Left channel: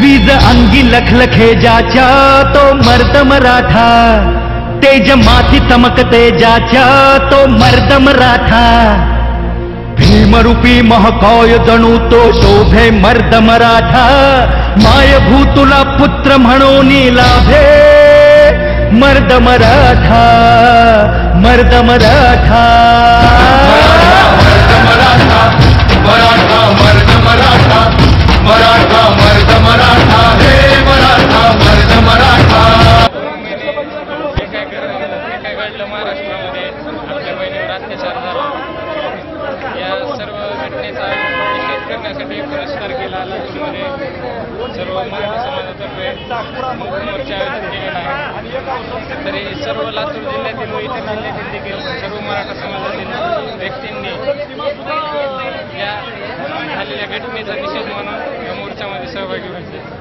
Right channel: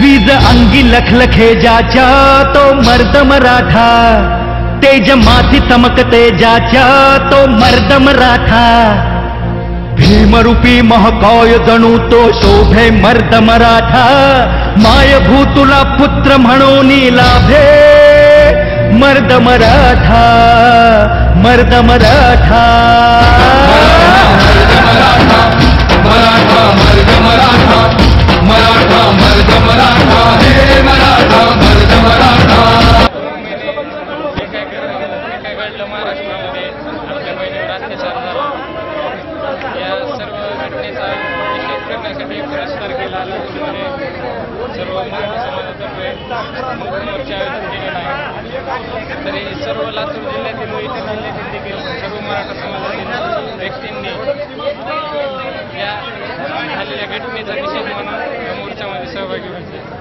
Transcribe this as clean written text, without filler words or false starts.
वीज अंगी लखलखे ज्याच्या तो मर्द मराठा, तेज माथी चमकते ज्याच्या तो मर्द मराठा, भीमरूपी महाकाय जणू तो शोभे मर्द मराठा, मायभू तुला पुत्र म्हणून लाभे मर्द मराठा, मर्द मराठा, मराठा मर्द मराठा, मराठा मर्द मराठा, हे मराठा मर्द मराठा. काय घडलं महाराष्ट्रामध्ये आपल्या बहिणीवर अत्याचार झाला, या सर्व घटनेचा निषेध करण्यासाठी पुरस्कार केला. लातूरमध्ये सर्व मराठा समाजातर्फे मोर्चा आयोजित केलेला आहे. तरी सर्व लातूर जिल्ह्यातील व इतर जिल्ह्यातील देखील सर्व मराठा समाजातील व्यक्तींनी या झालेल्या घटनेचा निषेध म्हणून या मोर्चामध्ये सहभागी व्हायचे.